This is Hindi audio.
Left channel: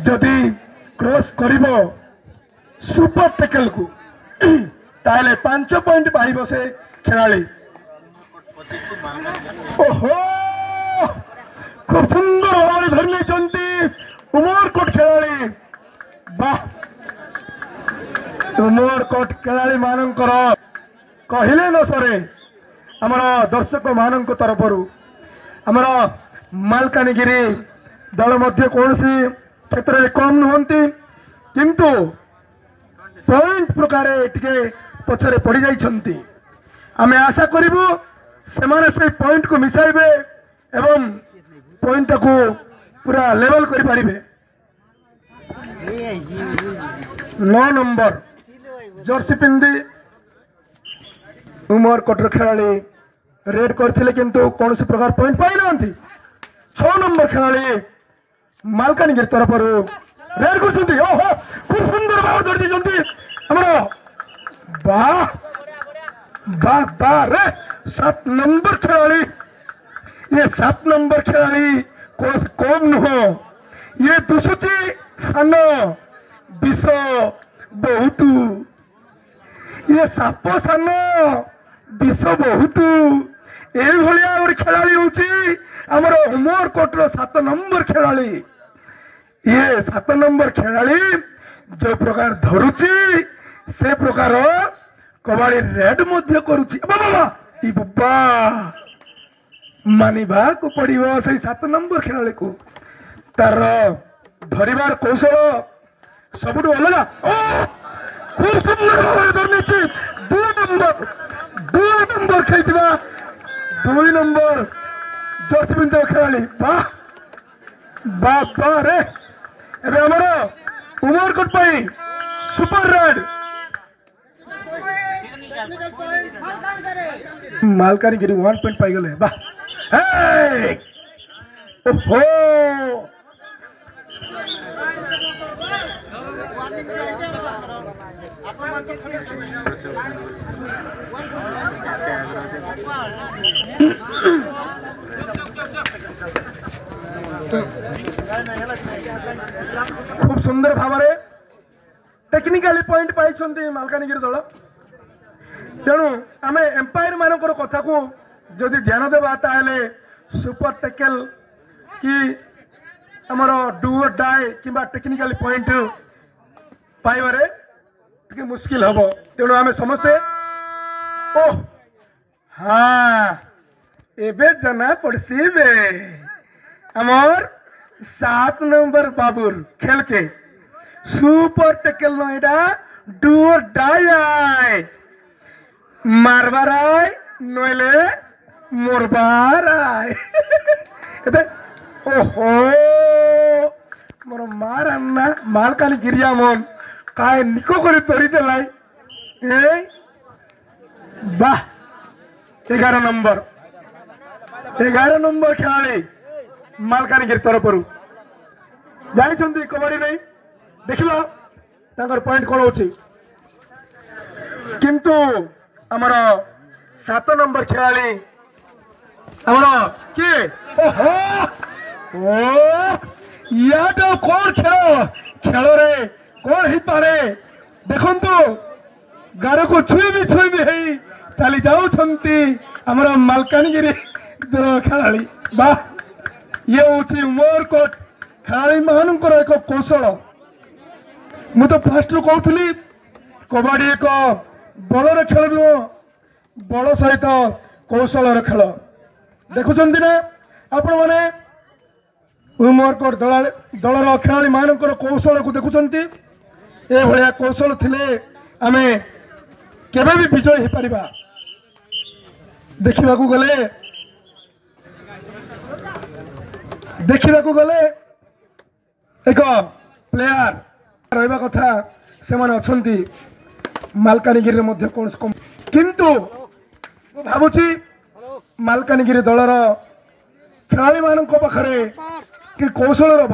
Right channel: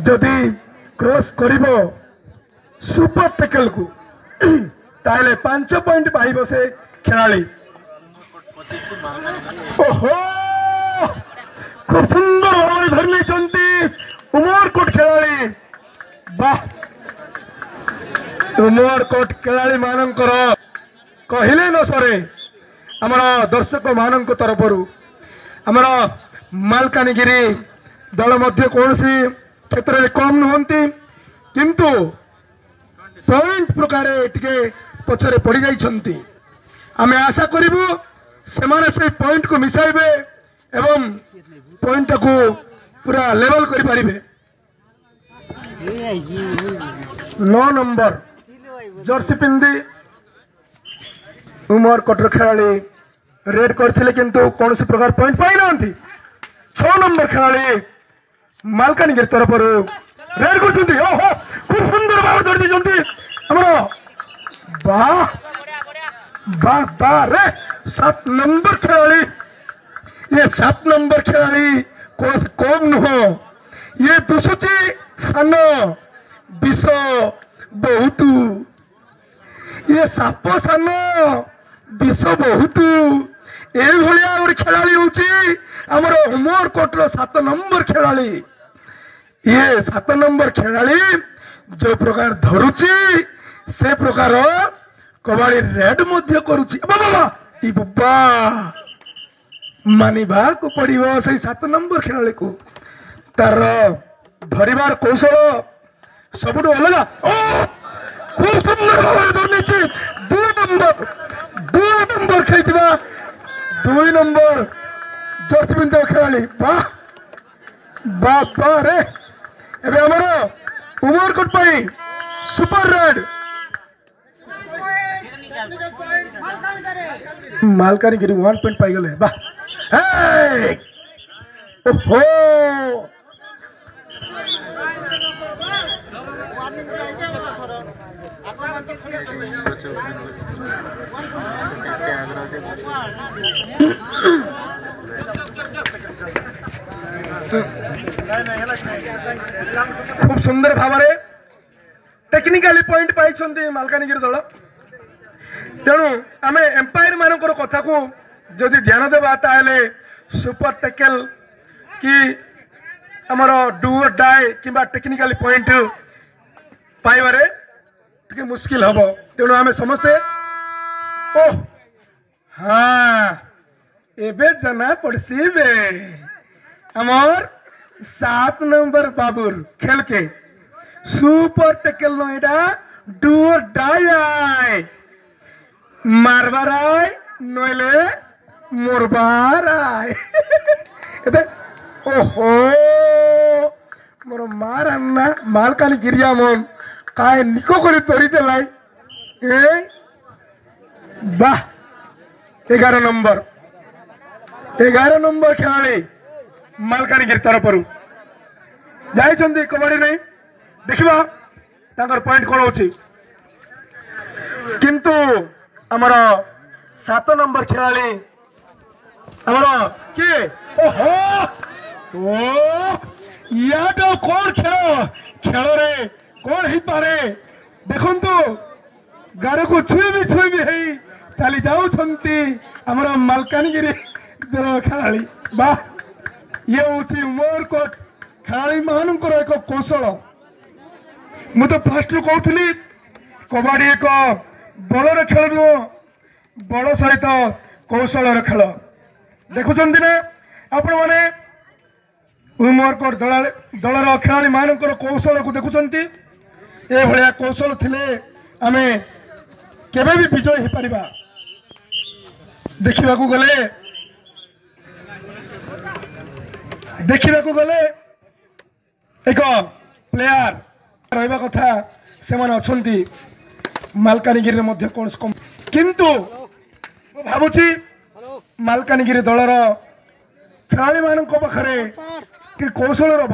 जदि क्रॉस करिबो सुपर टैकल को ताले 5 पॉइंट पाइबो से खेलाड़ी। ओहो खूब सुंदर भाव धरने चंती उमरकोट खेलाड़ी। वाह उमरकोट खेलाड़ी मानकर कहले न सरे आमर दर्शक मान तरफ आमर मालकानगिरी दल मध्य कौन सी क्षेत्र में कम नुहंती किंतु पॉइंट प्रकार टिके पछरे पड़ जाइछंती। आमे आशा करिबु सेमाने से पॉइंट को मिसाइबे एवं पॉइंट को पूरा लेवल करि परिबे। 9 नंबर जर्सी पिंदी उमरकोट खेलाड़ी रेड करथिले किंतु कौन सी प्रकार पॉइंट पाई नांती। 6 नंबर खेलाड़ी मालकानगिरी तरफ रेड करछंती। ओहो खूब सुंदर भाव धरती जंती हमरो। वाह वाह वाह रे 7 नंबर खेलाड़ी। ये 7 नंबर खेलाड़ी कोस कम नुहो। ये दुसुची सानो विष बहुत। ये साप सानो विष बहुत ए भलिया गोटे खेलाड़ी होची हमरो उमरकोट 7 नंबर खेलाड़ी। ये 7 नंबर खेलाड़ी जो प्रकार धरुची से प्रकार कबाड़ी रेड मध्य करुची। बाबा ई बाबा मानिबा को पड़िबो से 7 नंबर खेलाड़ी को तार धरिबार कौशल सबुठ अलग। खूब सुंदर धरनी 2 नंबर खेलता 2 नंबर जर्सी पिंधा खेलाड़ी। वाह वाह वाह रे एबे हमरो उमरकोट पाई सुपर रेड मालकानगिरी 1 पॉइंट पाई गले। वाह हे ओहो खूब सुंदर भाव टेक्निकाली पॉइंट पाई मालकानगिरी दल। तेणु आम एम्पायर मान कथा को जदि ध्यान देवा ताले सुपर टैकल कि आमर डू और डाई कि टेक्निकाली पॉइंट पाइबारे टिके मुश्किल हम। तेणु आम समस्ते ओ हाँ एबे जना पड़सी बे आमर 7 नंबर बाबुर खेल के सुपर टैकल नईटा डू और डाई आए मारबार आए नईले मोरबार आए। ओहो मोर मार अन्ना मालकानगिरी मन काय निको करे तोरी देलाई। वाह 11 नंबर खेलाड़ी मालकानगिरी तरफ जाइछंती कबड्डी नहीं देखिबा तांकर पॉइंट कोन होची किंतु हमर 7 नंबर खेलाड़ी हमर के ओहो ओ या तो कौन खेल रे कौन ही पारे देखंतु गार को छुई भी है चली जाउछंती हमर मालकानगिरी खेलाड़ी। वाह ये होची उमरकोट खेलाड़ी मानकर एक कौशल। मु तो फास्ट कहूली कबड्डी एक बलर खेल नुह बल सहित कौशल खेल। देखुंत ना आपण मैंने उमरकोट दलर खेलाड़ी मानकर कौशल को देखुंत। ए भलिया कौशल थिले आमे केबे भी विजय हो पारिबा। देखिबा गले एक प्लेयर रहिबा कथा से माने अछंती मालकानगिरी मध्य कौन कम किंतु भावुची मालकानगिरी दलर खेलाड़ी मान पाखे कि कौशल